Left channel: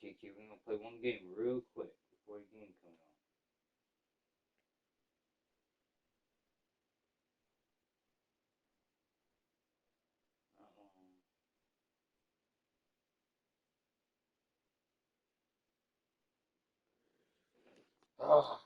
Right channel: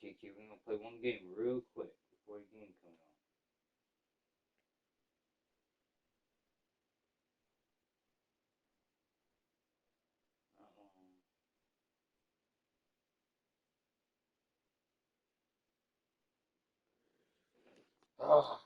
Kiki. We're gonna play one game real quick before your game comes on. Oh.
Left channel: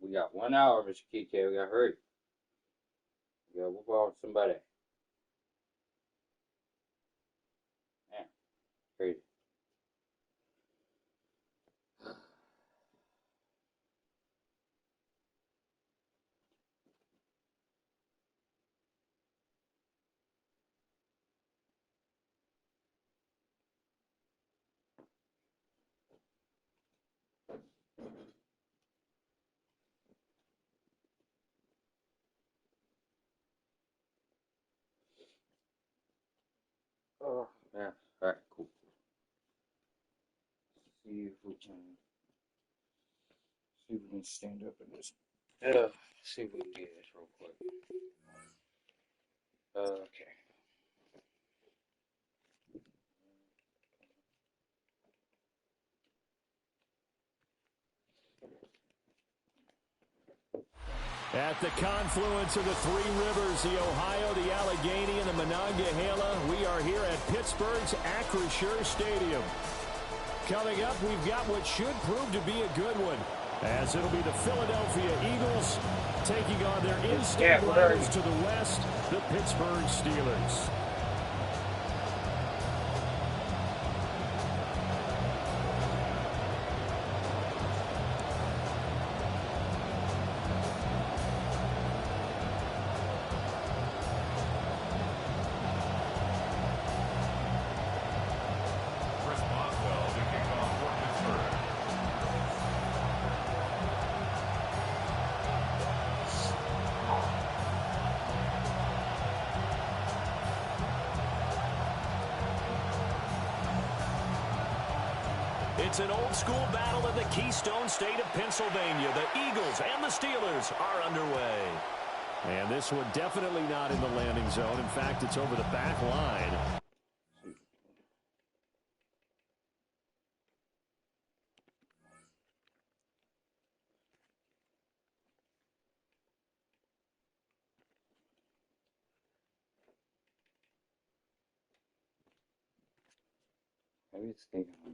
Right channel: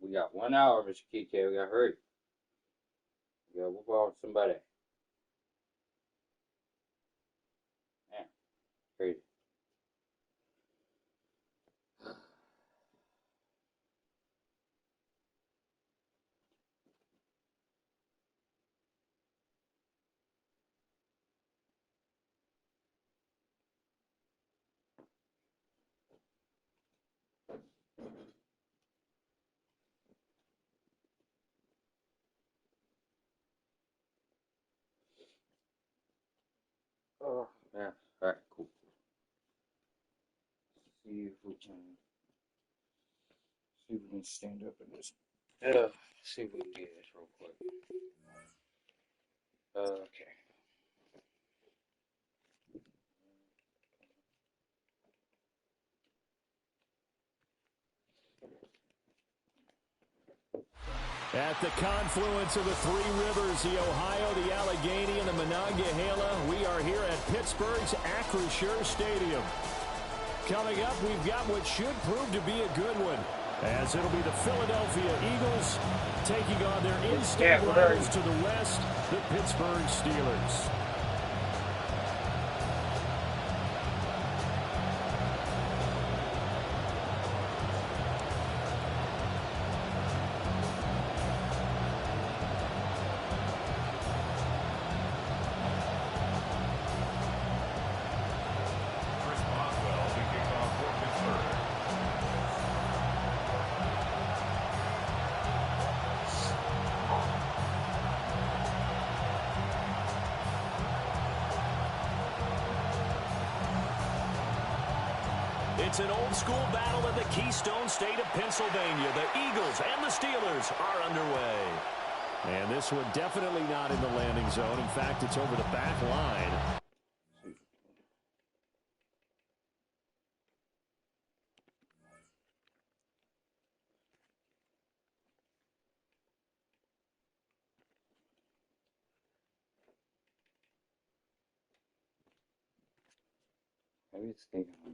We got 1 hour, Mr. KK. We gotta hurry. We gotta whoop out somebody. Man, crazy. Oh, man. Alright, cool. See if we can stand up in this. See if we can do this real quick. Okay. At the confluence of the three rivers, the Ohio, the Allegheny, and the Monongahela, we are here at Pittsburgh's Acrisure Stadium. Coming up, we've got what should prove to be a good one, as it'll be the Philadelphia Eagles taking on their in-state rivals to the west, the Pittsburgh Steelers. It's an old-school battle in the Keystone State of Pennsylvania. The Eagles and the Steelers are underway. And this one definitely not in the landing zone. In fact, it's over the back line. Maybe it's taking on.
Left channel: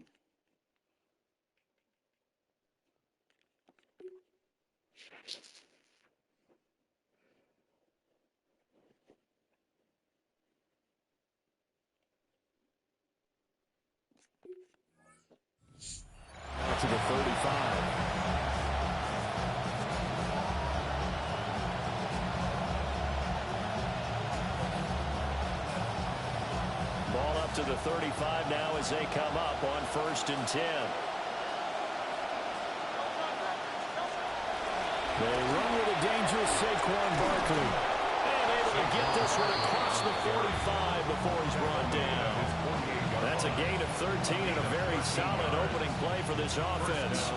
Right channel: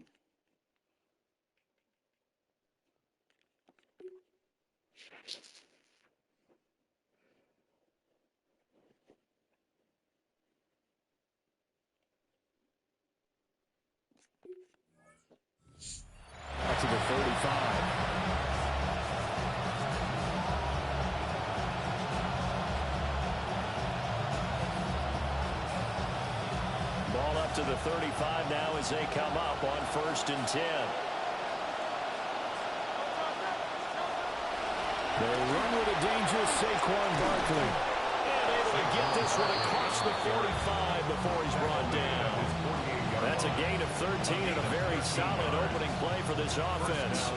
Out to the 35. Ball up to the 35 now as they come up on 1st and 10. They run with a dangerous Saquon Barkley. And able to get this one across the 45 before he's brought down. That's a gain of 13 and a very solid opening play for this offense.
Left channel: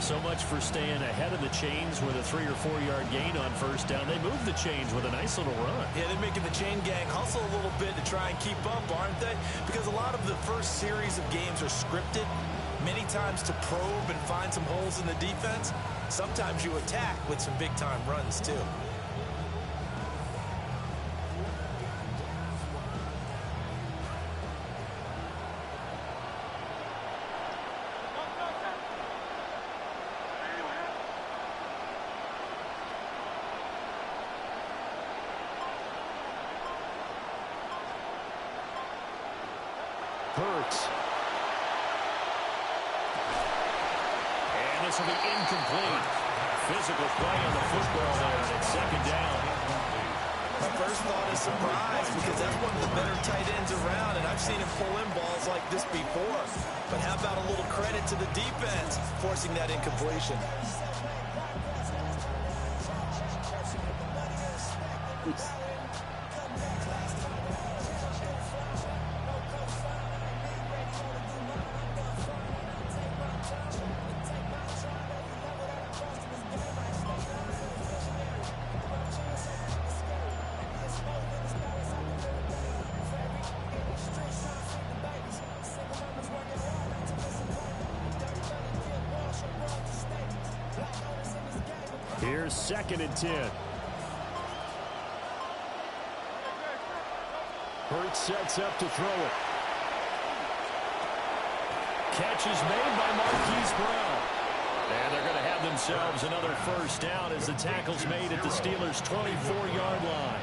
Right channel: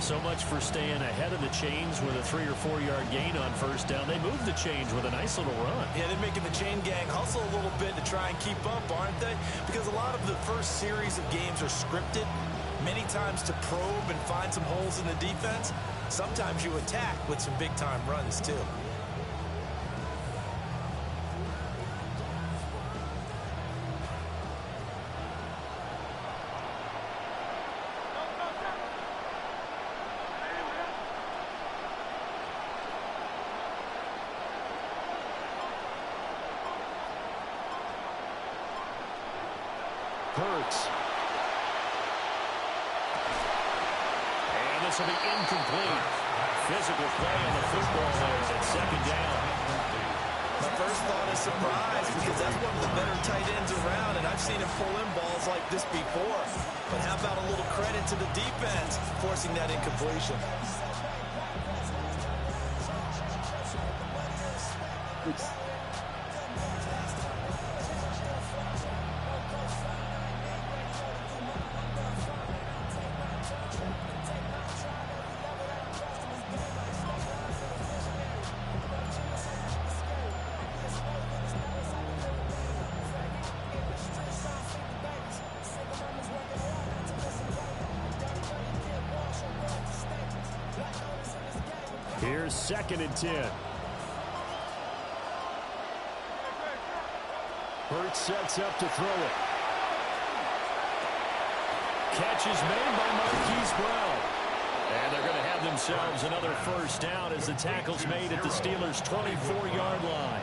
So much for staying ahead of the chains with a 3 or 4 yard gain on 1st down. They moved the chains with a nice little run. Yeah, they're making the chain gang hustle a little bit to try and keep up, aren't they? Because a lot of the first series of games are scripted, many times to probe and find some holes in the defense. Sometimes you attack with some big-time runs, too. Hurts. And this will be incomplete. Physical play on the football there, and it's 2nd down. My first thought is surprise because that's one of the better tight ends around, and I've seen him pull in balls like this before. But how about a little credit to the defense forcing that incompletion? Here's 2nd and 10. Hurts sets up to throw it. Catch is made by Marquise Brown. And they're going to have themselves another first down as the tackle's made at the Steelers' 24-yard line.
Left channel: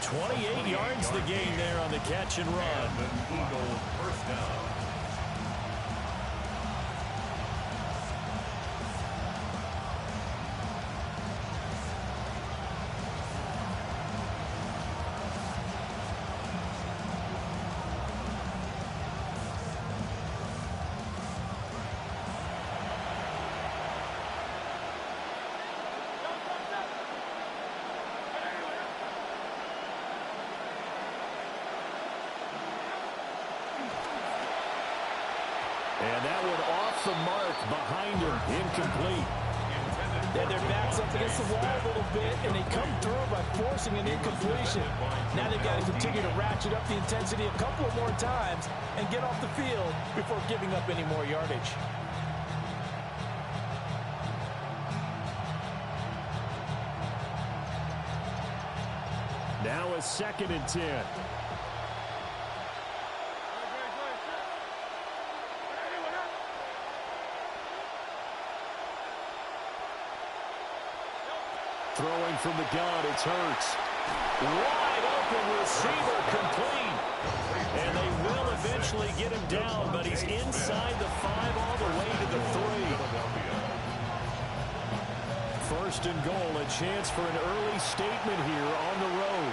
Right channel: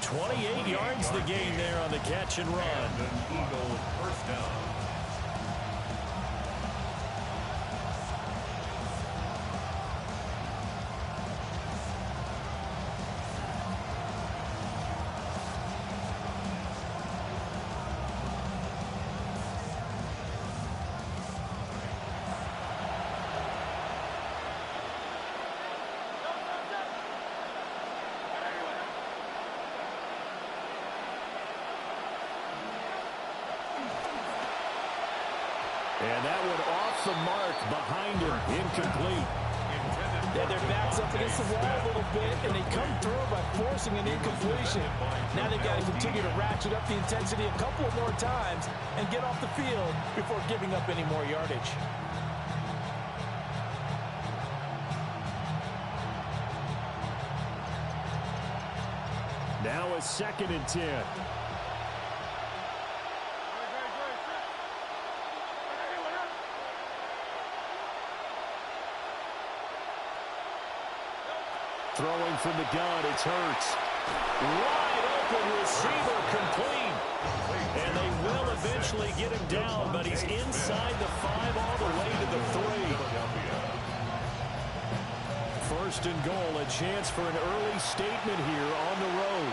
28 yards the gain there on the catch and run. And an Eagle first down. And that one off the mark behind him. Incomplete. And their backs up against the wall a little bit, and they come through by forcing an incompletion. Now they've got to continue to ratchet up the intensity a couple of more times and get off the field before giving up any more yardage. Now a 2nd and 10. Throwing from the gun, it's Hurts. Wide open receiver, complete. And they will eventually get him down, but he's inside the 5 all the way to the 3. First and goal, a chance for an early statement here on the road.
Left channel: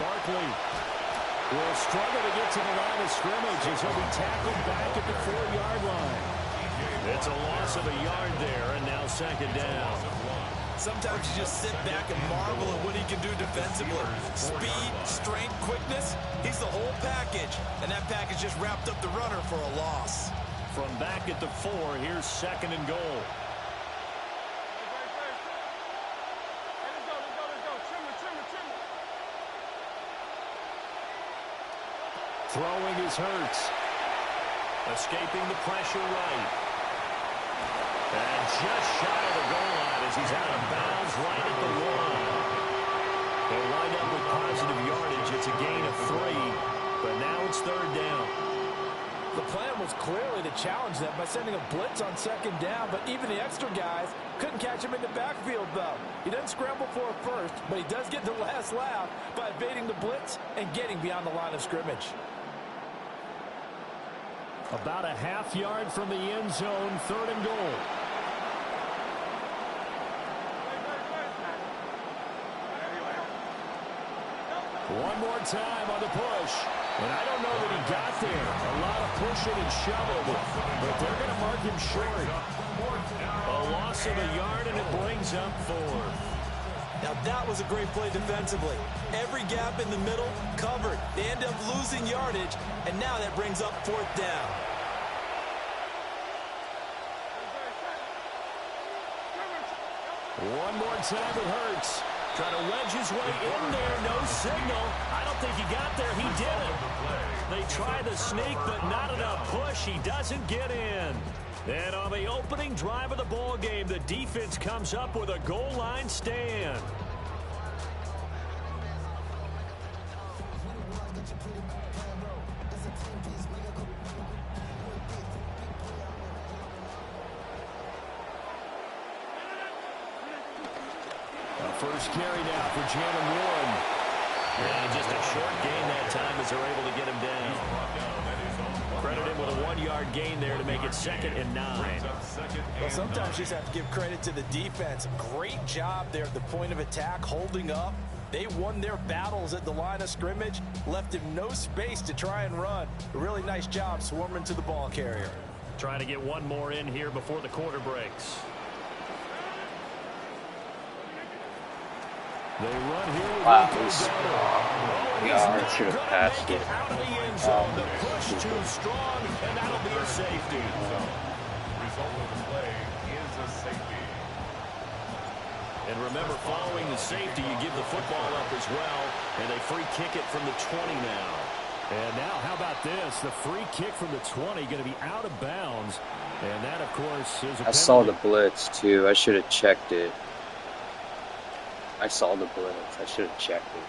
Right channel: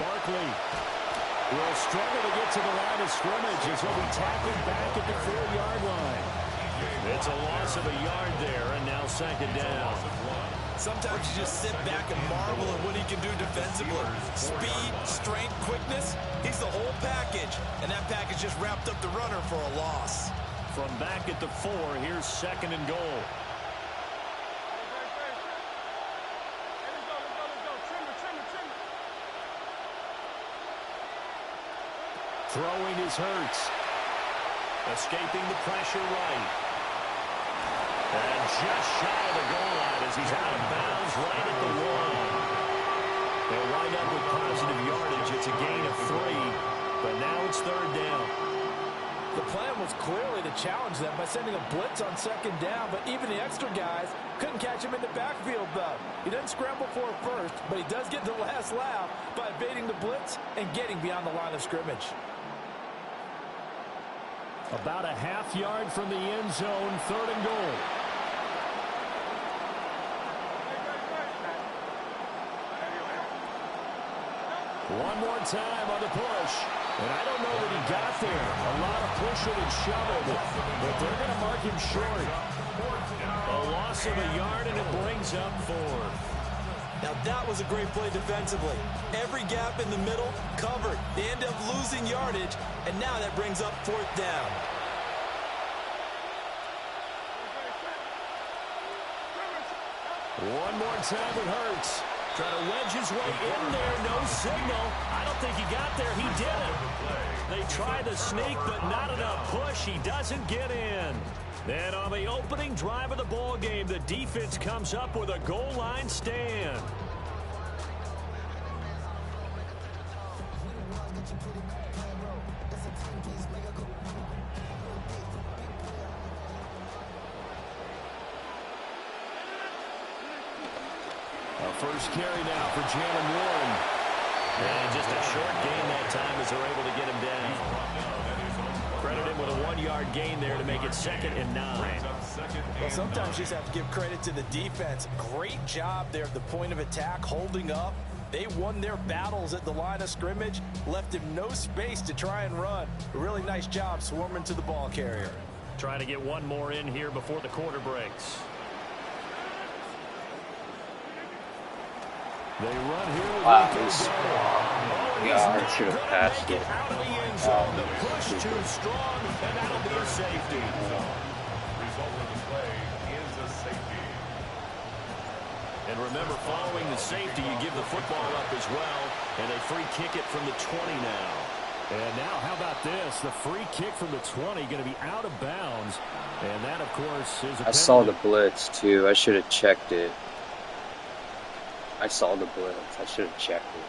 Barkley will struggle to get to the line of scrimmage as he'll be tackled back at the 4-yard line. It's a loss of a yard there, and now 2nd down. Sometimes you just sit back and marvel at what he can do defensively. Speed, strength, quickness, he's the whole package. And that package just wrapped up the runner for a loss. From back at the 4, here's 2nd and goal. Throwing is Hurts. Escaping the pressure right. And just shy of the goal line as he's out of bounds right at the 1. They'll wind up with positive yardage. It's a gain of 3, but now it's 3rd down. The plan was clearly to challenge them by sending a blitz on 2nd down, but even the extra guys couldn't catch him in the backfield, though. He doesn't scramble for it first, but he does get the last laugh by evading the blitz and getting beyond the line of scrimmage. About a half yard from the end zone, 3rd and goal. One more time on the push. And I don't know that he got there. A lot of pushing and shoving, but they're going to mark him short. A loss of a yard, and it brings up 4. Now that was a great play defensively. Every gap in the middle covered. They end up losing yardage, and now that brings up 4th down. One more time with Hurts. Trying to wedge his way in there. No signal. I don't think he got there. He didn't. They try the sneak, but not enough push. He doesn't get in. And on the opening drive of the ball game, the defense comes up with a goal line stand. A first carry now for Jalen Warren. And just a short gain that time as they're able to get him down. Credit him with a 1-yard gain there to make it 2nd and 9. Well, sometimes you just have to give credit to the defense. Great job there at the point of attack, holding up. They won their battles at the line of scrimmage, left him no space to try and run. A really nice job swarming to the ball carrier. Trying to get one more in here before the quarter breaks. They run here with Wow, Rico he's Dowdle. yeah, I should have passed it. Out of the end zone. The push too strong, and that'll be a safety. Result of the play is a safety. And remember, following the safety, you give the football up as well, and they free kick it from the 20 now. And now, how about this? The free kick from the 20 going to be out of bounds, and that, of course, is a penalty. I saw the blitz, too. I should have checked it. I saw the blitz. I should have checked it.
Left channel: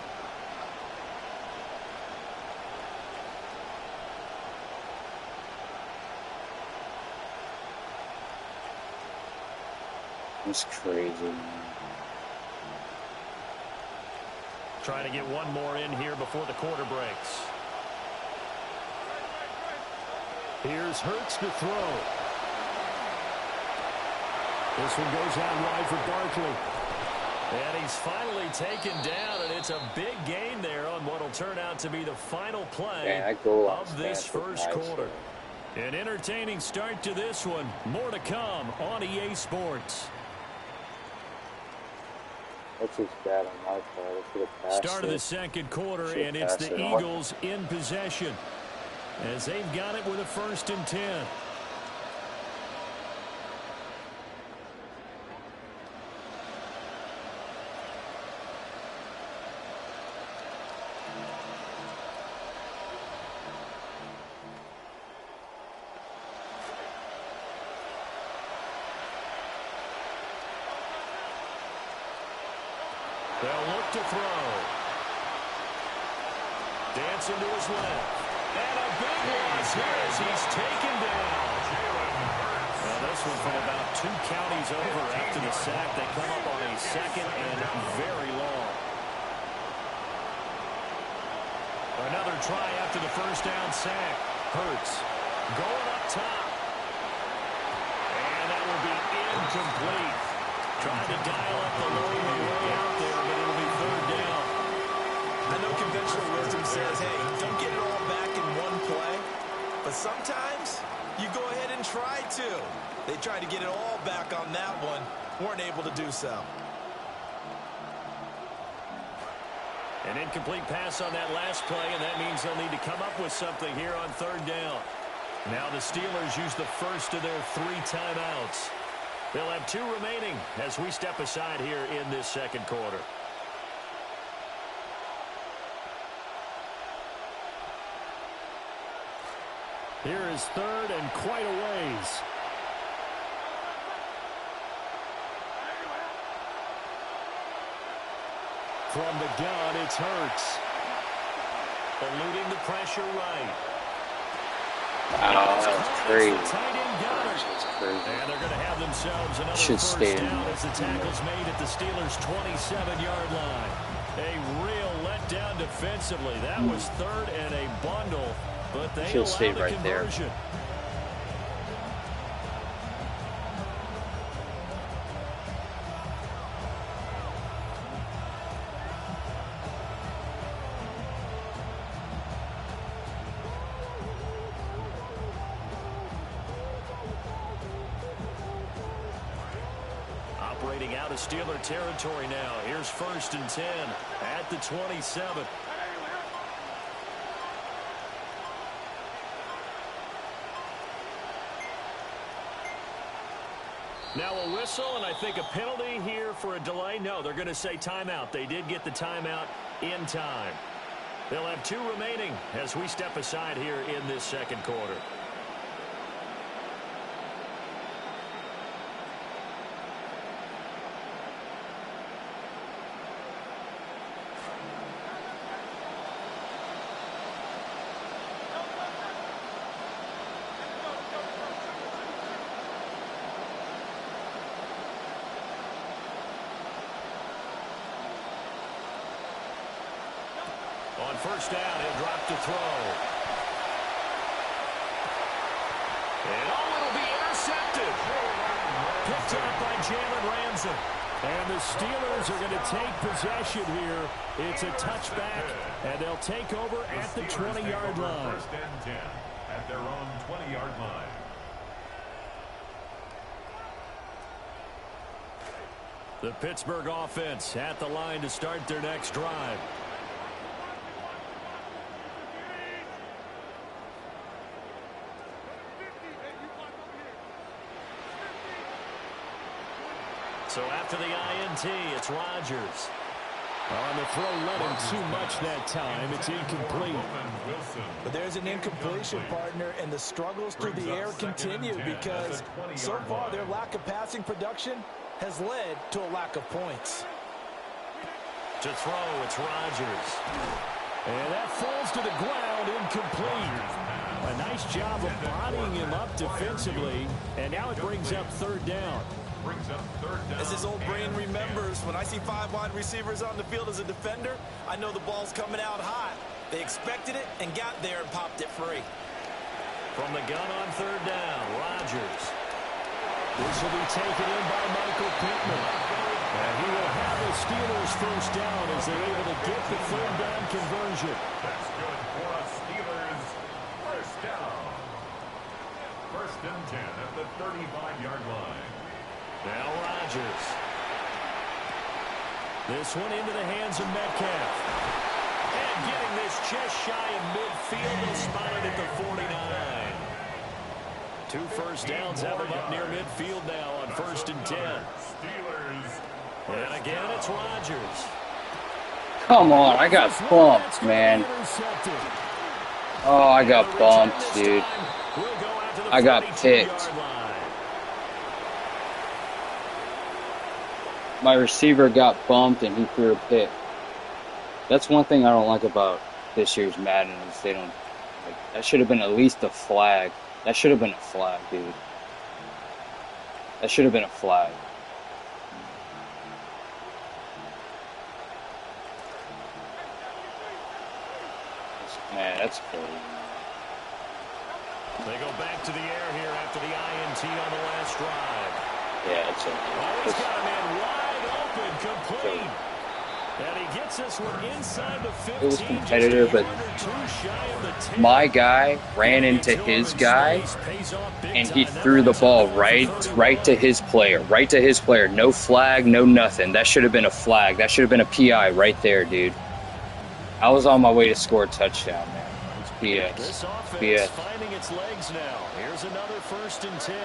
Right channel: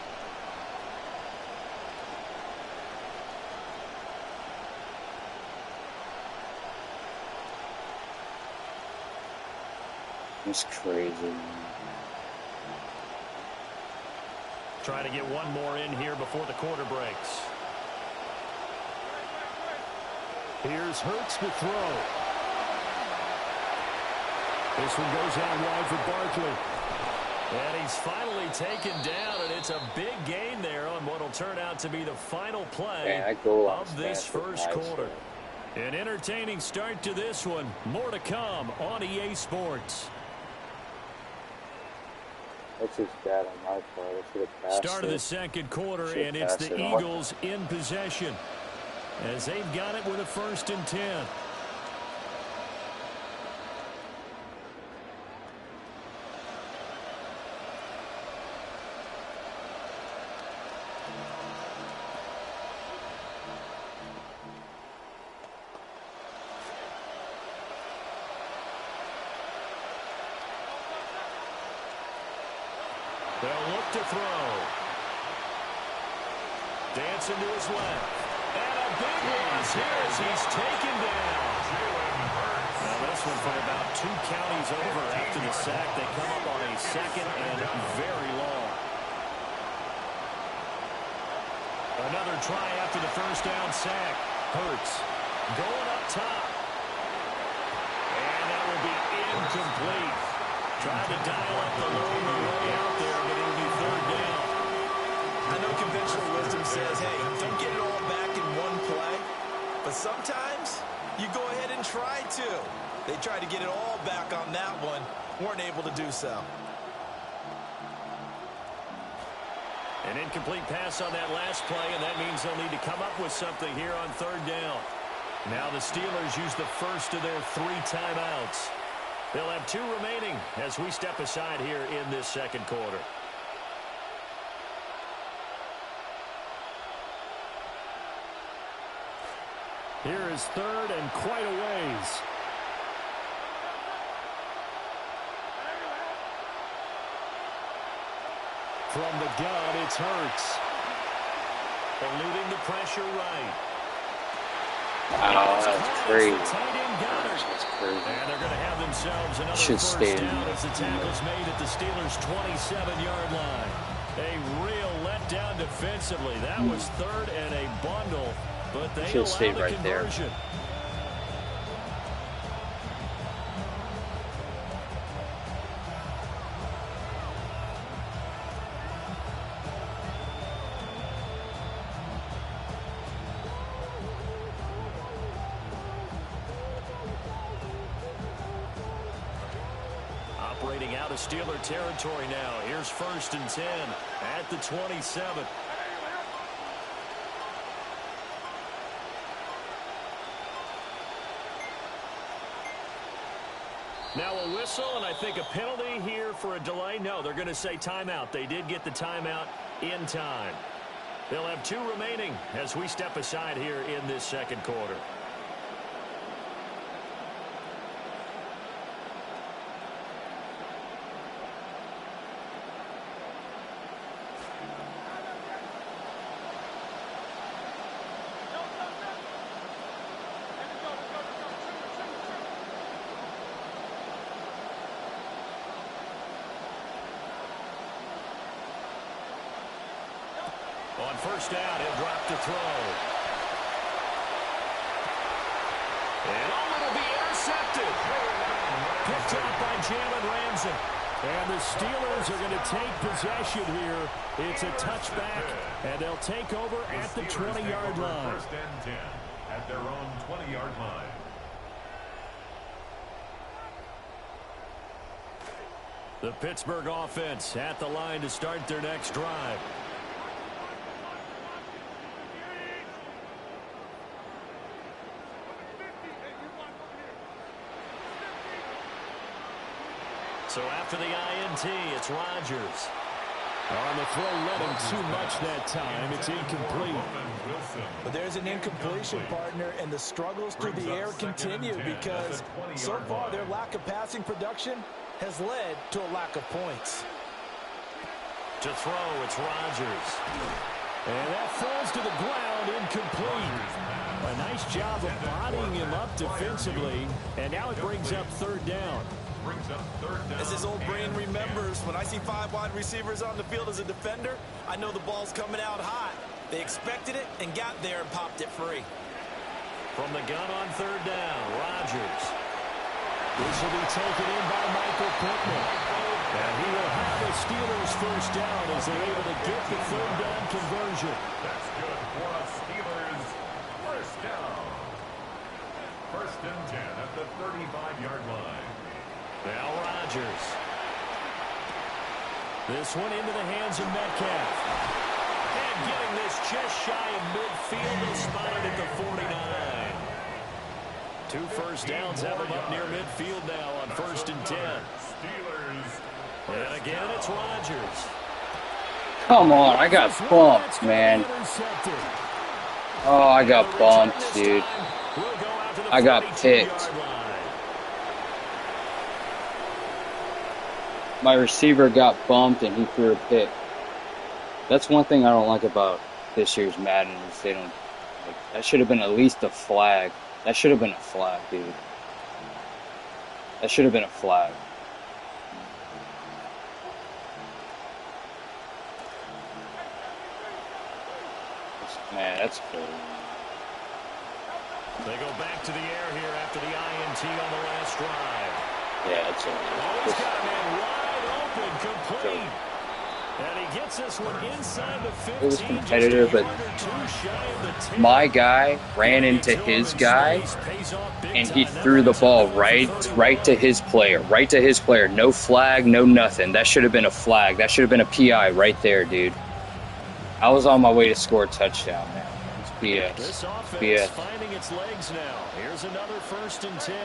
It's crazy, man. Trying to get one more in here before the quarter breaks. Here's Hurts to throw. This one goes out wide for Barkley. And he's finally taken down, and it's a big gain there on what will turn out to be the final play of this first quarter. An entertaining start to this one. More to come on EA Sports. That's just bad on my part. I should have passed Start of the second quarter, and it's the Eagles in possession as they've got it with a 1st and 10. They'll look to throw. Dancing to his left. And a big loss here as he's taken down. Now this one from about 2 counties over after the sack. They come up on a 2nd and very long. Another try after the 1st down sack. Hurts going up top. And that will be incomplete. Trying to dial up the low way out there, but it'll be 3rd down. I know conventional wisdom says, hey, don't get it all back in one play. But sometimes you go ahead and try to. They tried to get it all back on that one. Weren't able to do so. An incomplete pass on that last play, and that means they'll need to come up with something here on 3rd down. Now the Steelers use the first of their 3 timeouts. They'll have 2 remaining as we step aside here in this second quarter. Here is 3rd and quite a ways. From the gun, it's Hurts. Eluding the pressure right. Wow, that's crazy. That's crazy. And they're going to have themselves another Should first stay down as the tackle's made at the Steelers' 27-yard line. A real letdown defensively. That was 3rd and a bundle, but they allow the conversion. Operating out of Steeler territory now. Here's 1st and 10 at the 27. Now a whistle, and I think a penalty here for a delay. No, they're going to say timeout. They did get the timeout in time. They'll have 2 remaining as we step aside here in this second quarter. On first down, he'll drop to throw. And it'll be intercepted. Picked up by Jalen Ramsey. And the Steelers are going to take possession here. It's a touchback, and they'll take over at the 20-yard line. First and 10 at their own 20-yard line. The Pittsburgh offense at the line to start their next drive. So after the INT, it's Rodgers. On the throw, led him too much that time. It's incomplete. But there's an incompletion, partner, and the struggles through the air continue because so far their lack of passing production has led to a lack of points. To throw, it's Rodgers. And that falls to the ground, incomplete. A nice job of bodying him up defensively, and now it brings up third down. As his old brain remembers, when I see 5 wide receivers on the field as a defender, I know the ball's coming out hot. They expected it and got there and popped it free. From the gun on third down, Rodgers. This will be taken in by Michael Pittman. And he will have the Steelers first down as they're able to get the third down conversion. That's good for us, Steelers. First down. First and 10 at the 35-yard line. Now Rodgers. This one into the hands of Metcalf. And getting this just shy of midfield, they'll spot it at the 49. 2 first downs have him up near midfield now on first and 10. And again, it's Rodgers. Come on, I got bumped, man. Oh, I got bumped, dude. I got picked. My receiver got bumped and he threw a pick. That's one thing I don't like about this year's Madden is they don't, like, that should have been at least a flag. That should have been a flag, dude. That should have been a flag. Man, that's crazy. They go back to the air here after the INT on the last drive. Yeah, it's a... Oh, he's got a man wide open, complete. And he gets this one inside the 15. It was competitive, but my guy ran into his guy, and he threw the ball right to his player. No flag, no nothing. That should have been a flag. That should have been a PI right there, dude. I was on my way to score a touchdown, man. It's BS. This offense BS. finding its legs now. Here's another first and 10.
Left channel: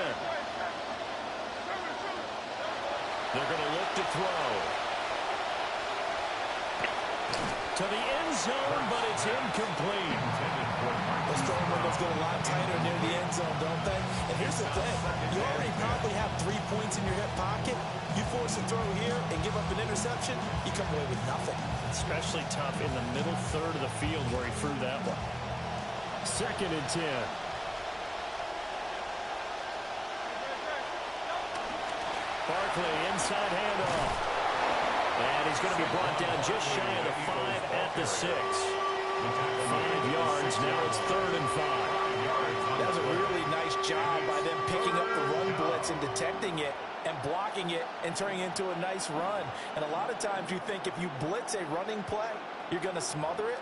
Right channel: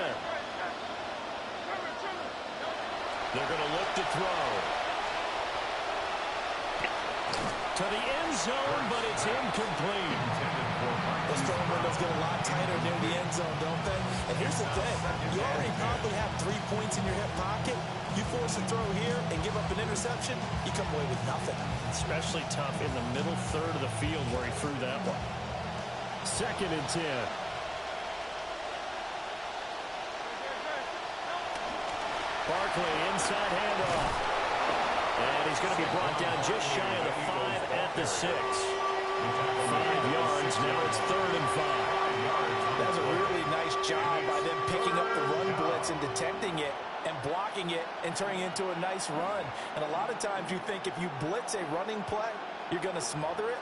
They're going to look to throw. To the end zone, but it's incomplete. Those throwing windows get a lot tighter near the end zone, don't they? And here's the thing. You already probably have 3 points in your hip pocket. You force a throw here and give up an interception, you come away with nothing. Especially tough in the middle third of the field where he threw that one. Second and 10. Barkley, inside handoff. And he's going to be brought down just shy of the 5 at the 6. 5 yards, now it's 3rd and 5. That's a really nice job by them picking up the run blitz and detecting it and blocking it and turning it into a nice run. And a lot of times you think if you blitz a running play, you're going to smother it.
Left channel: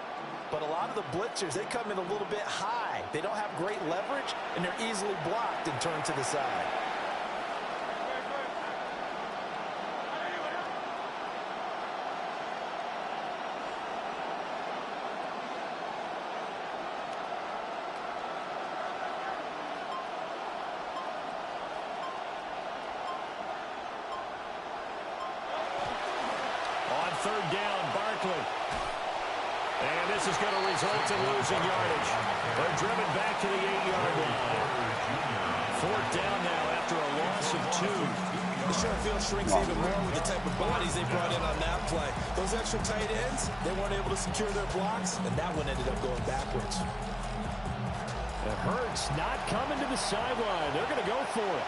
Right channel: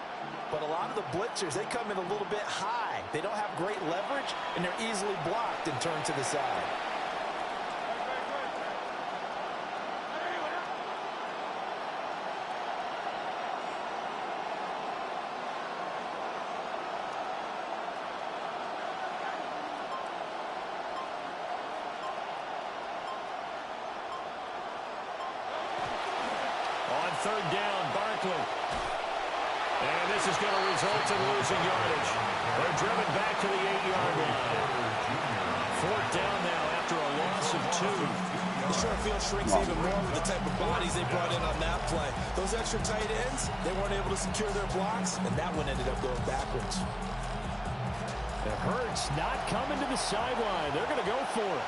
But a lot of the blitzers, they come in a little bit high. They don't have great leverage, and they're easily blocked and turned to the side. On third down, Barkley. And this is going to result in losing yardage. They're driven back to the 8-yard line. 4th down now after a loss of 2. The short field shrinks even more with the type of bodies they brought in on that play. Those extra tight ends, they weren't able to secure their blocks, and that one ended up going backwards. It hurts not coming to the sideline. They're going to go for it.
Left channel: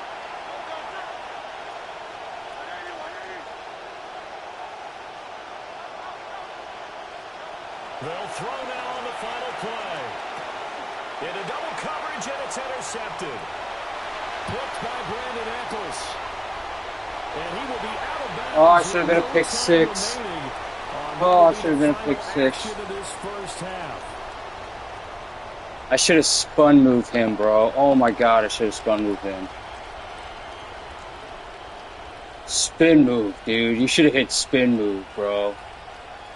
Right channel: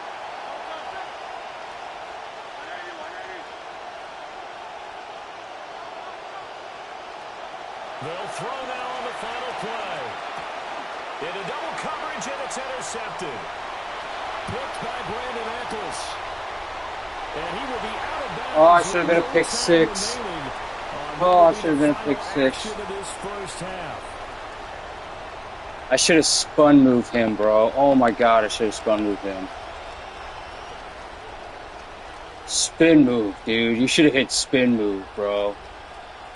They'll throw now on the final play. Into double coverage, and it's intercepted. Picked by Brandon Eccles. And he will be out of bounds. Oh, I should have been a pick six. Oh, I should have been a pick six. I should have spun moved him, bro. Oh my god, I should have spun moved him. Spin move, dude. You should have hit spin move, bro.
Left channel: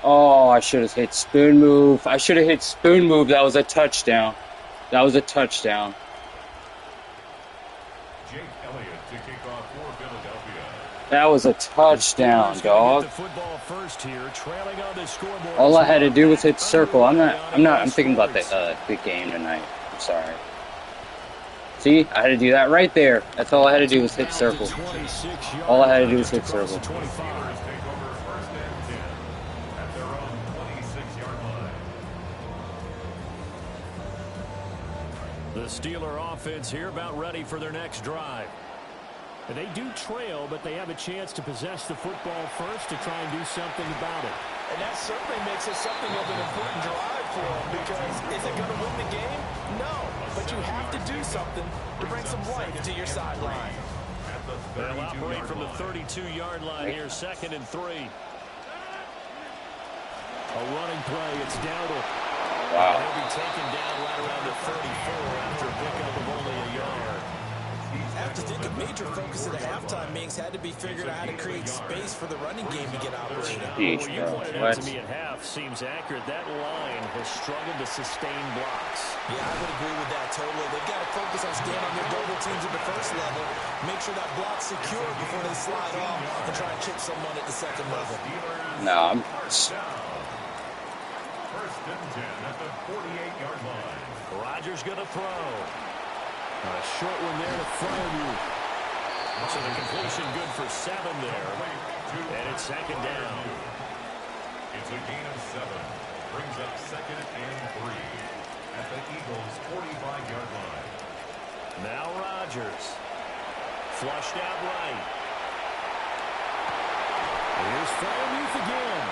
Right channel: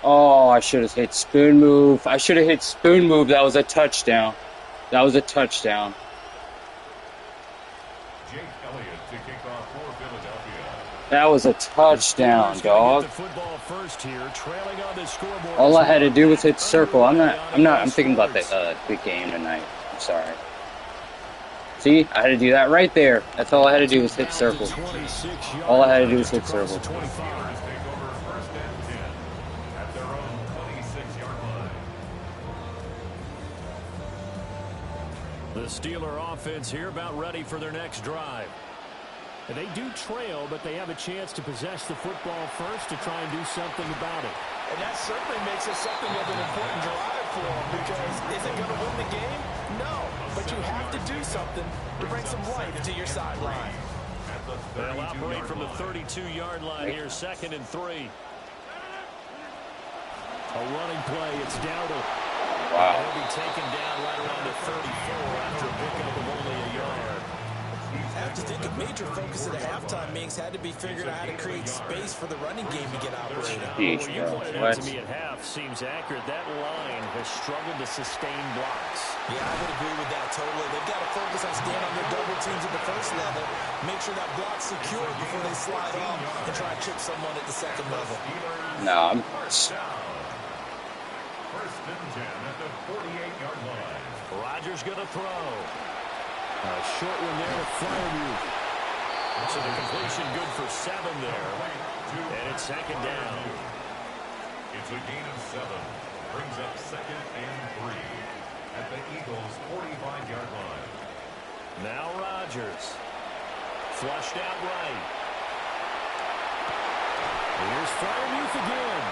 Oh, I should have hit spin move. I should have hit spoon move. That was a touchdown. That was a touchdown. Jake Elliott to kick off for Philadelphia. That was a touchdown, dog. All I had to do was hit circle. I'm thinking about the game tonight. I'm sorry. See, I had to do that right there. That's all I had to do was hit circle. All I had to do was hit circle. The Steeler offense here about ready for their next drive. They do trail, but they have a chance to possess the football first to try and do something about it. And that certainly makes it something of an important drive for them, because is it going to win the game? No, but you have to do something to bring some life to your sideline. They'll operate from the 32-yard line here, 2nd and 3. A running play, it's Dowdle. Wow. He'll be taken down right around the 34 after a pickup of only a yard. I have to think a major focus at the halftime meetings had to be figuring out how to create space for the running game to get operating. What you pointed out to me at half seems accurate. That line has struggled to sustain blocks. Yeah, I would agree with that totally. They've got to focus on staying on their double teams at the first level, make sure that block's secure before they slide off and try and chip someone at the second level. No, I'm... First and 10 at the 48-yard line. Rodgers going to throw. A short one there to Freiermuth. So the completion good for 7 there. And it's 2nd down. It's a gain of 7. Brings up 2nd and 3 at the Eagles' 45-yard line. Now Rodgers. Flushed out right. Here's Freiermuth again.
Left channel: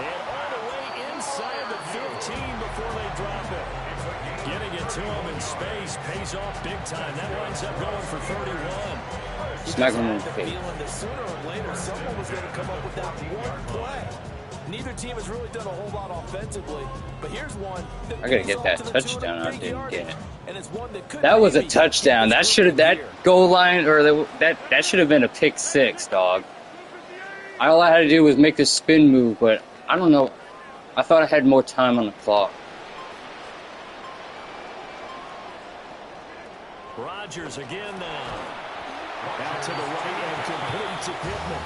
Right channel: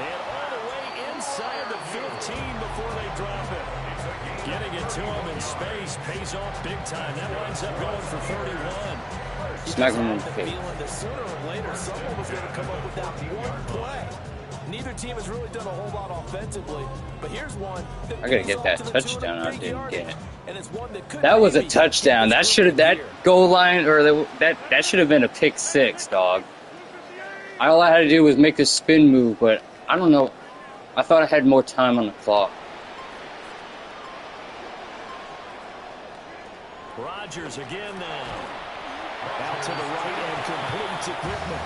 And all the way inside the 15 before they drop it. Getting it to him in space pays off big time. That winds up going for 31. Smack him in the Feeling face. that sooner or later someone was going to come up with that one play. Neither team has really done a whole lot offensively, but here's one. I gotta get that touchdown. I didn't get it. That was a touchdown. That goal line, or that should have been a pick 6, dog. All I had to do was make a spin move, but I don't know. I thought I had more time on the clock. Rodgers again now. Out to the right and complete to Pittman.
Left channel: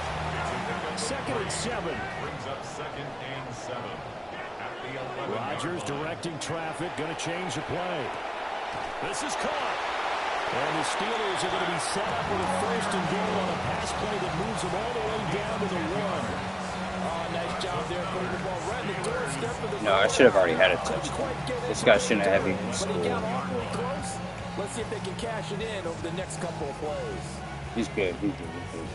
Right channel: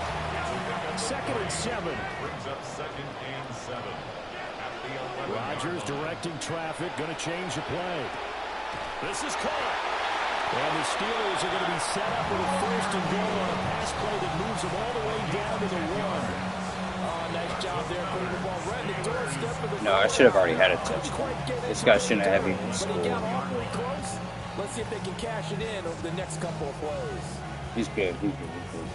2nd and 7. Brings up 2nd and 7 at the 11. Rodgers directing traffic, going to change the play. This is caught. And the Steelers are going to be set up with a 1st and goal on a pass play that moves them all the way down to the 1. Oh, nice job there, putting the ball right in the doorstep of the... No, I should have already had a touchdown. This guy shouldn't have even scored. But he got awfully close. Let's see if they can cash it in over the next couple of plays. He's good. He's good. He's good.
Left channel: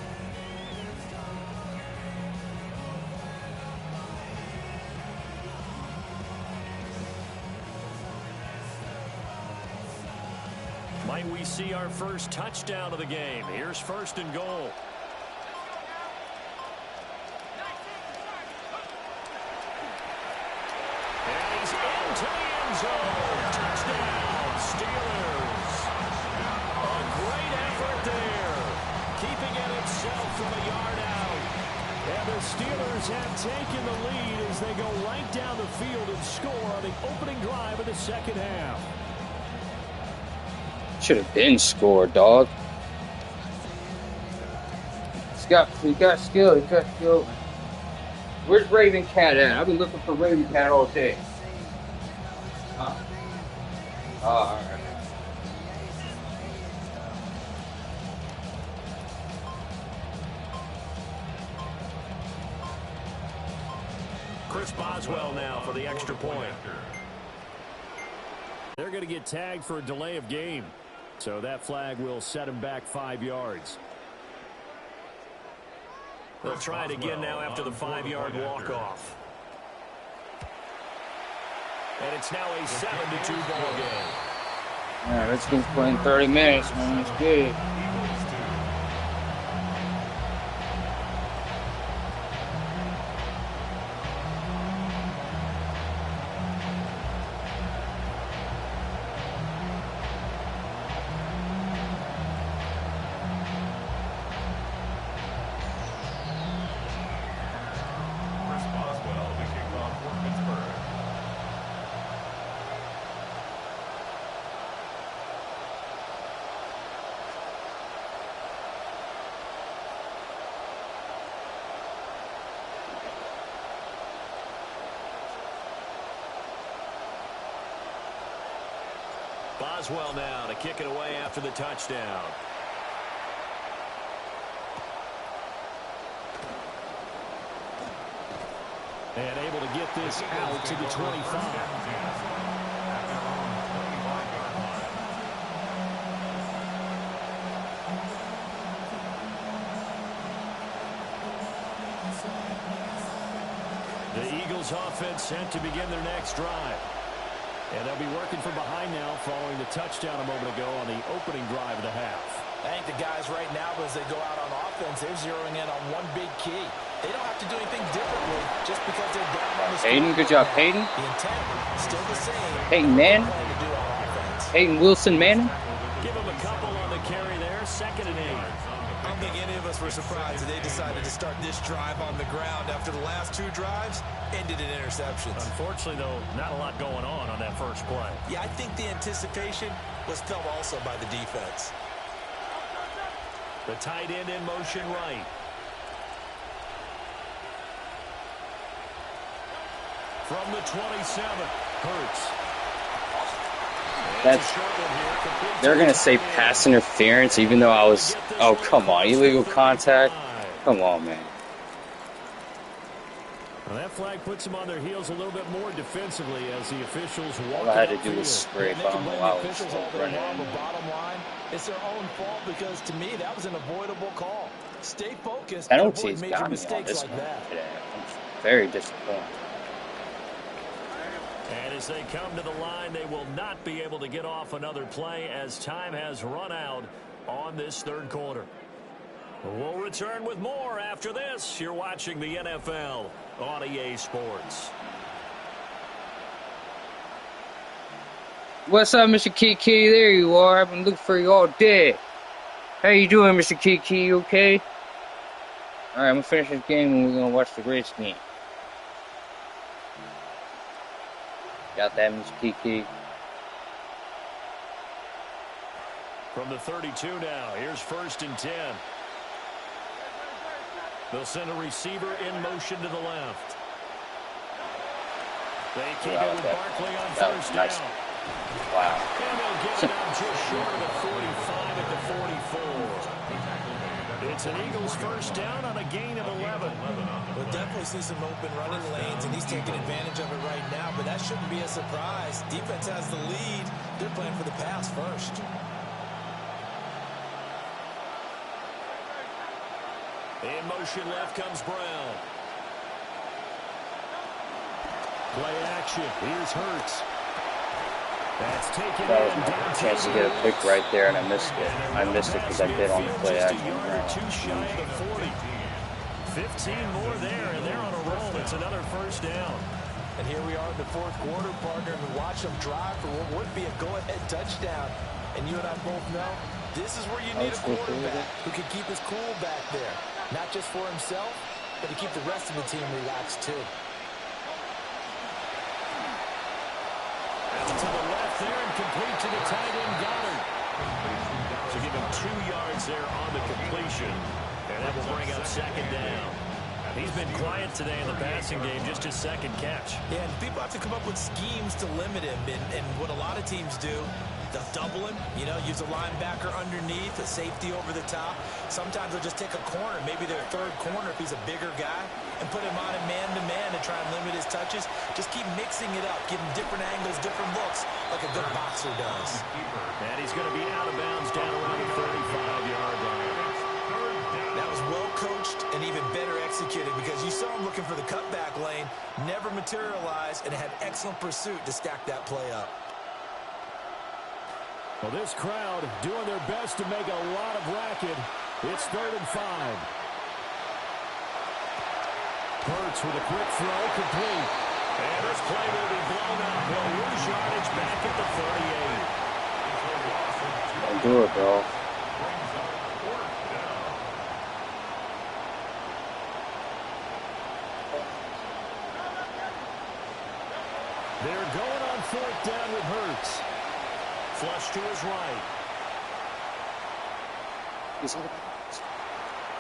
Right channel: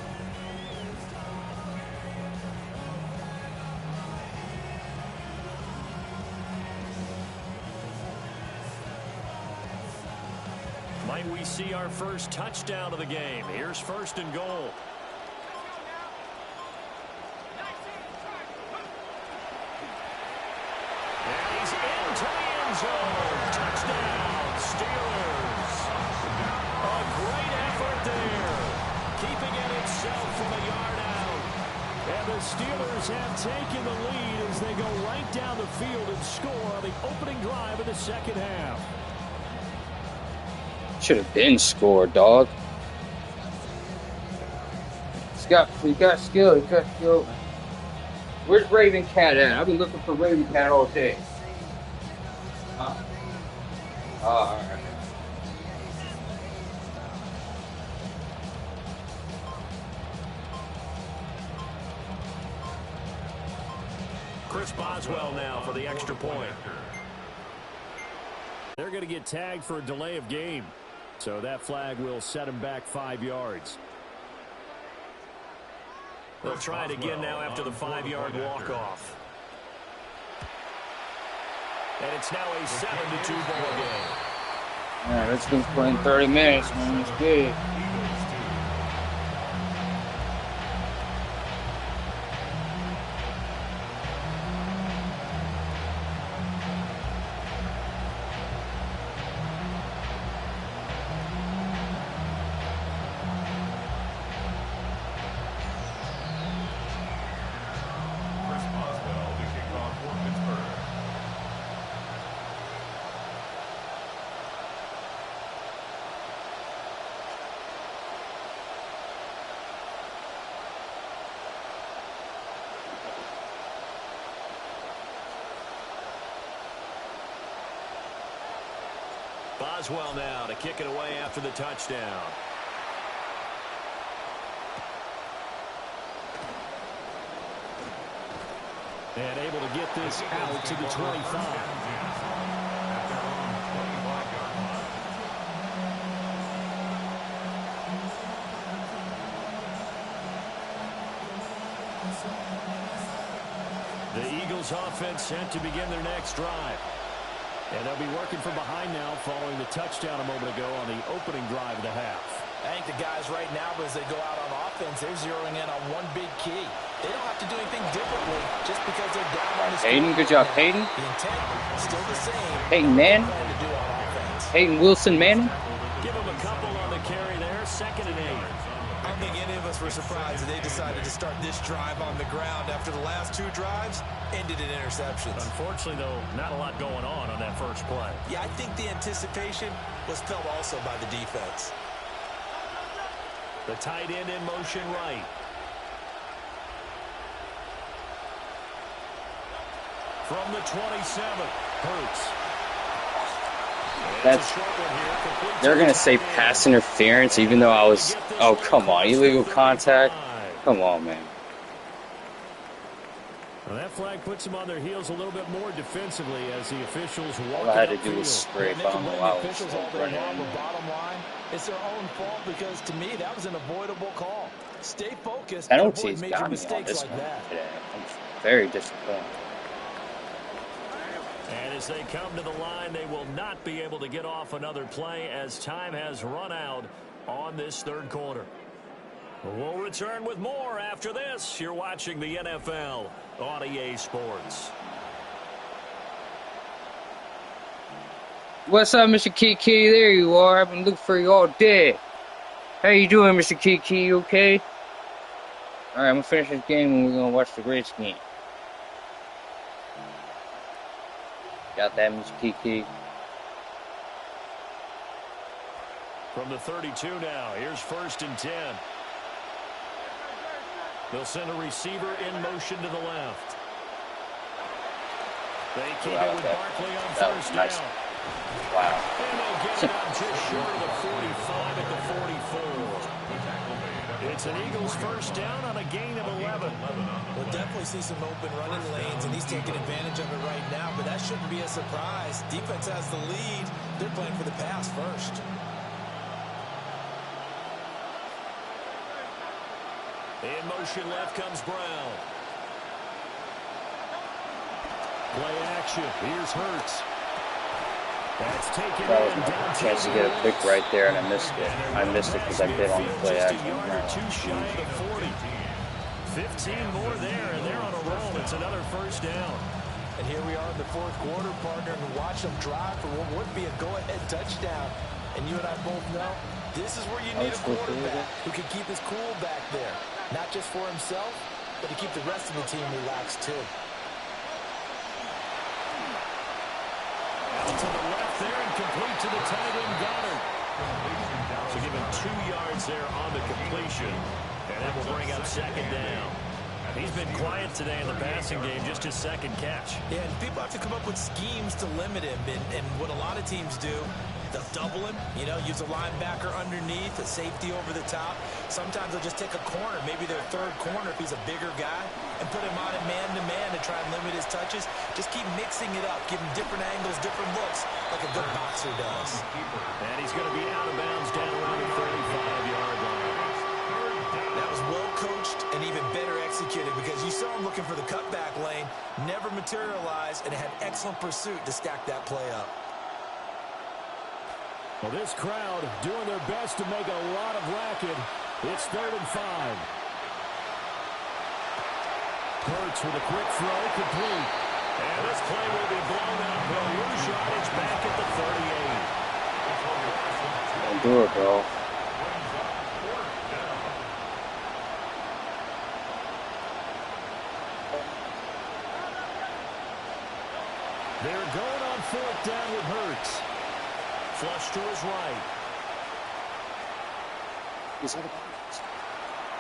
Might we see our first touchdown of the game? Here's 1st and goal. And he's into the end zone. Touchdown, Steelers. A great effort there. Keeping it himself from a yard out. And the Steelers have taken the lead as they go right down the field and score on the opening drive of the 2nd half. Should have been scored, dog. He got skill. He got skill. Where's Raven Cat at? I've been looking for Raven Cat all day. Huh? Oh, all right. Chris Boswell now for the extra point. They're going to get tagged for a delay of game. So that flag will set him back 5 yards. They'll try it again now after the 5-yard walk-off. And it's now a 7-2 ball game. Yeah, let's go playing 30 minutes, man. It's good. Boswell now to kick it away after the touchdown. And able to get this out to the 25. The Eagles offense set to begin their next drive. And they'll be working from behind now following the touchdown a moment ago on the opening drive of the half. I think the guys right now, as they go out on offense, they're zeroing in on one big key. They don't have to do anything differently just because they're down on the score. Peyton, good job, Peyton. The intent, still the same. Peyton Manning. Peyton Wilson Manning. Give him a couple on the carry there, 2nd and 8. I don't think any of us were surprised that they decided to start this drive on the ground after the last 2 drives ended in interceptions. Unfortunately, though, not a lot going on that first play. Yeah, I think the anticipation was felt also by the defense. The tight end in motion right. From the 27, Hurts. They're going to say pass interference, even though I was... Oh, come on. Illegal contact? Come on, man. Well, that flag puts them on their heels a little bit more defensively as the officials walk. All I had to do was spray bomb while I was running. Bottom line, it's their own fault because, to me, that was an avoidable call. Stay focused. Penalties got me on this one today. I'm very disappointed. And as they come to the line, they will not be able to get off another play as time has run out on this third quarter. We'll return with more after this. You're watching the NFL on EA Sports. What's up, Mr. Kiki? There you are. I've been looking for you all day. How you doing, Mr. Kiki? You okay? All right, I'm going to finish this game and we're going to watch the Reds game. Got that, Mr. Kiki? From the 32 now, here's 1st and 10. They'll send a receiver in motion to the left. They keep it with Barkley on first down. Wow. And they'll get it up just short of the 45 at the 44. It's an Eagles first down on a gain of 11. We'll definitely see some open running lanes, and he's taking advantage of it right now, but that shouldn't be a surprise. Defense has the lead. They're playing for the pass first. In motion left comes Brown. Play action. Here's Hurts. That's taken That was my chance to get a pick right there, and I missed it. I missed it because I bid on the play action. Too shy of the 40. 15 more there, and they're on a roll. It's another first down. And here we are in the 4th quarter, partner, and watch them drive for what would be a go-ahead touchdown. And you and I both know this is where you need a quarterback who can keep his cool back there. Not just for himself, but to keep the rest of the team relaxed, too. Out to the left there and complete to the tight end, Goddard. So give him 2 yards there on the completion. And that will bring up 2nd down. He's been quiet today in the passing game, just his 2nd catch. Yeah, and people have to come up with schemes to limit him. And what a lot of teams do, they'll double him, use a linebacker underneath, a safety over the top. Sometimes they'll just take a corner, maybe their 3rd corner if he's a bigger guy, and put him on it man-to-man to try and limit his touches. Just keep mixing it up, give him different angles, different looks, like a good boxer does. And he's going to be out of bounds down around the 35-yard line. That was well coached and even better executed executed because you saw him looking for the cutback lane, never materialized, and had excellent pursuit to stack that play up. Well, this crowd doing their best to make a lot of racket. It's 3rd and 5. Hurts with a quick throw, complete. And this play will be blown up. He'll lose yardage back at the 38. Don't do it, bro. They're going on 4th down with Hurts. Flush to his right. He's out of bounds.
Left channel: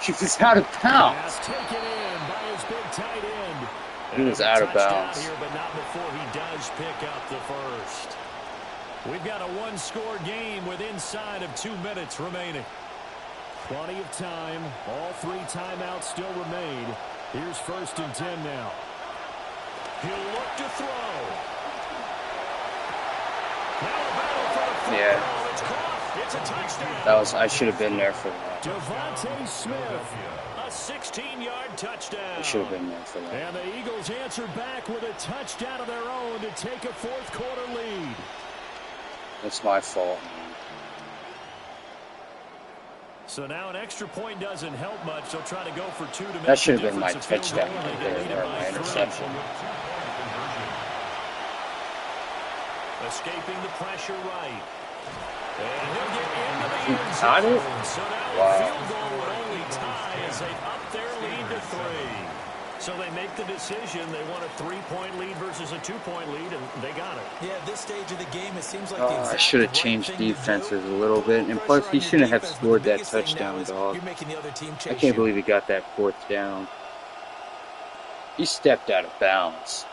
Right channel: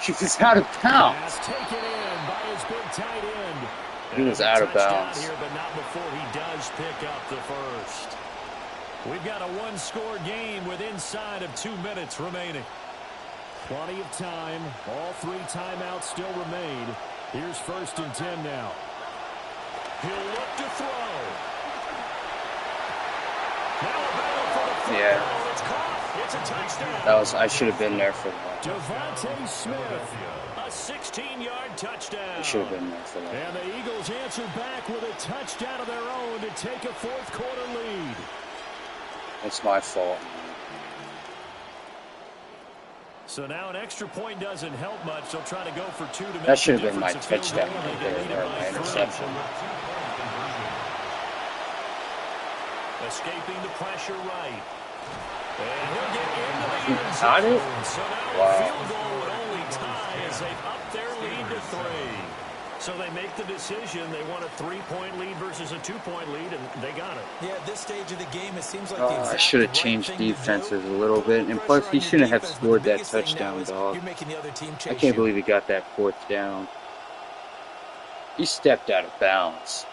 He was out of bounds. Pass taken in by his big tight end. He was out of bounds. Here, but not before he does pick up the first. We've got a one-score game with inside of 2 minutes remaining. Plenty of time. All 3 timeouts still remain. Here's 1st and 10 now. He'll look to throw. Now a battle for the football. It's caught. It's a touchdown. I should have been there for that. Devontae Smith, a 16-yard touchdown. I should have been there for that. And the Eagles answer back with a touchdown of their own to take a 4th quarter lead. It's my fault, man. So now an extra point doesn't help much. They'll try to go for 2 to make That should have been the my difference. touchdown right there, or my interception. Escaping the pressure right. And he'll get into the end Got it? zone. So now Wow. a field goal would only tie as they've upped their lead to 3. So they make the decision. They want a 3-point lead versus a 2-point lead, and they got it. Yeah, at this stage of the game, it seems like I should have changed defenses a little bit. And plus, he shouldn't have scored that touchdown, dog. I can't believe he got that 4th down. He stepped out of bounds.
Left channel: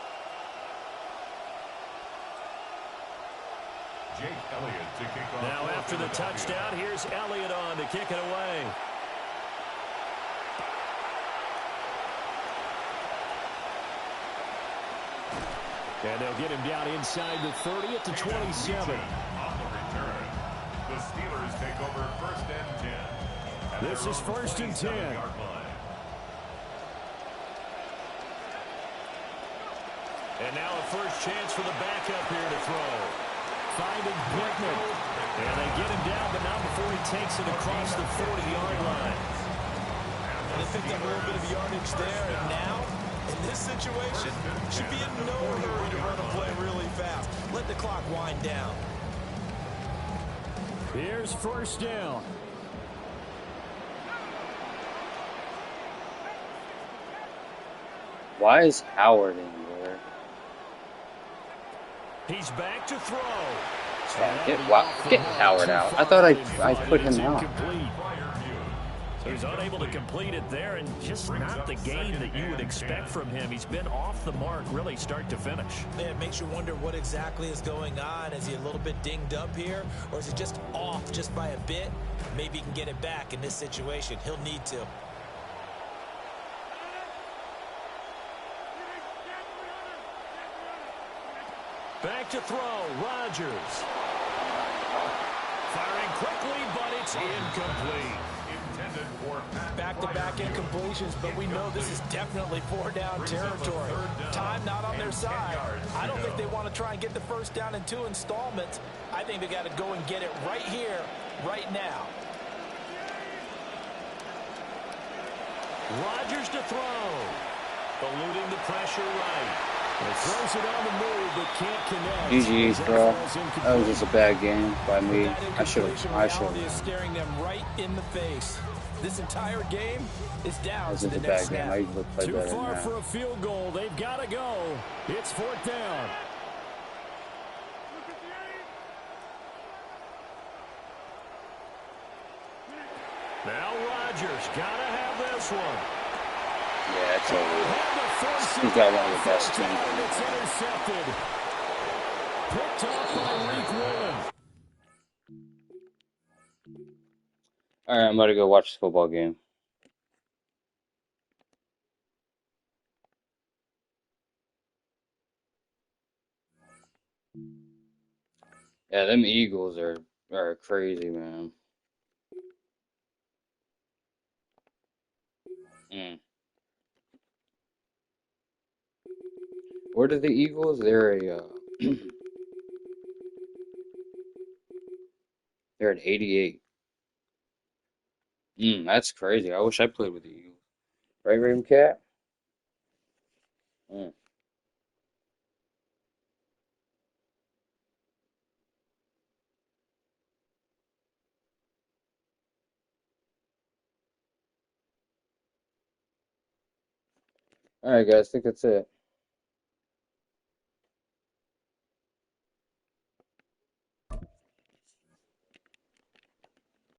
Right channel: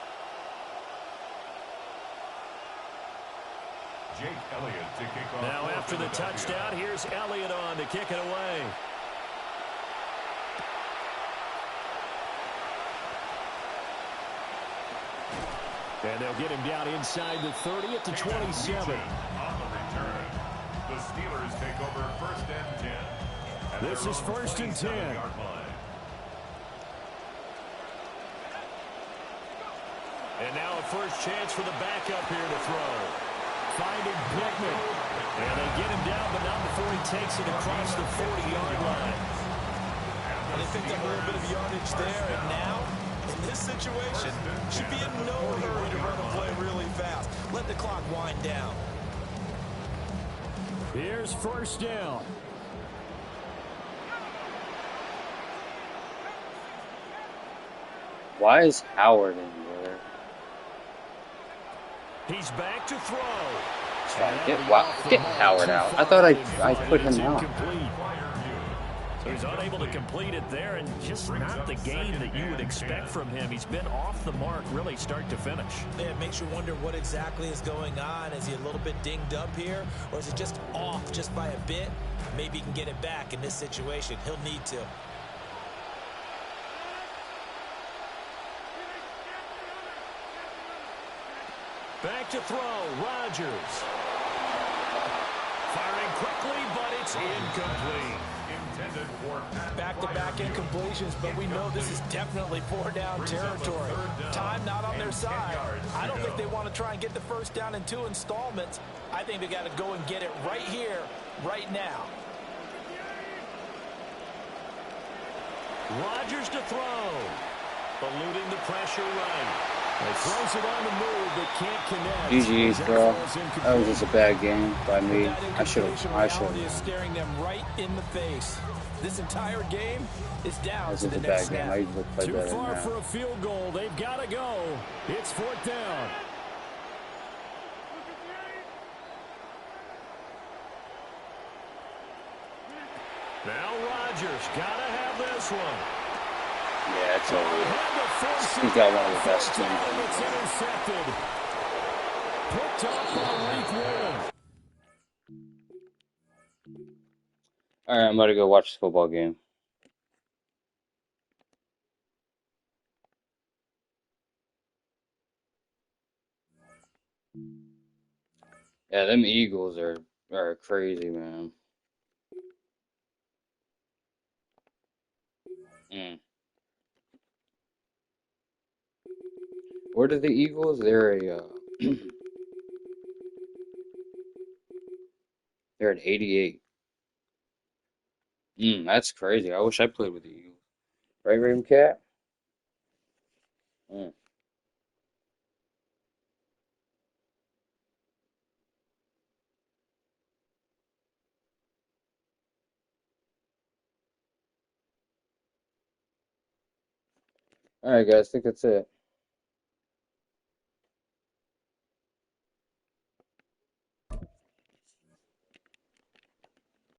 Jake Elliott to kick off. Now after the touchdown, here's Elliott on to kick it away. And they'll get him down inside the 30 at the 27. On the return, the Steelers take over 1st and 10. This is 1st and 10. And now a first chance for the backup here to throw. Finding Pittman. And they get him down, but not before he takes it across the 40-yard line. They picked up a little bit of yardage there, and now, in this situation, should be in no hurry to run a play really fast. Let the clock wind down. Here's 1st down. Why is Howard in there? He's back to throw. Get Howard out. I thought I put him out. So he's unable to complete it there, and just not the game that you would expect from him. He's been off the mark really start to finish. Yeah, it makes you wonder what exactly is going on. Is he a little bit dinged up here, or is it just off just by a bit? Maybe he can get it back in this situation. He'll need to. Back to throw, Rodgers. Firing quickly, but it's incomplete. Back-to-back incompletions, but we know this is definitely 4-down territory. Time not on their side. I don't think they want to try and get the 1st down in 2 installments. I think they got to go and get it right here, right now. Rodgers to throw. Eluding the pressure right. He throws it on the move, but can't connect. GG's, bro. That was just a bad game by me. I should have. Is staring them right in the face. This entire game is down That to was the a next bad game. snap. I usually play Too better than far that. for a field goal. They've got to go. It's 4th down. Now Rodgers got to have this one. Yeah, it's over. He's got one of the best teams. It's intercepted. Picked up by Reek Williams. All right, I'm about to go watch the football game. Yeah, them Eagles are crazy, man. What are the Eagles? They're at 88. That's crazy. I wish I played with the Eagles. Right, Raven Cat? Mm. All right, guys. I think that's it.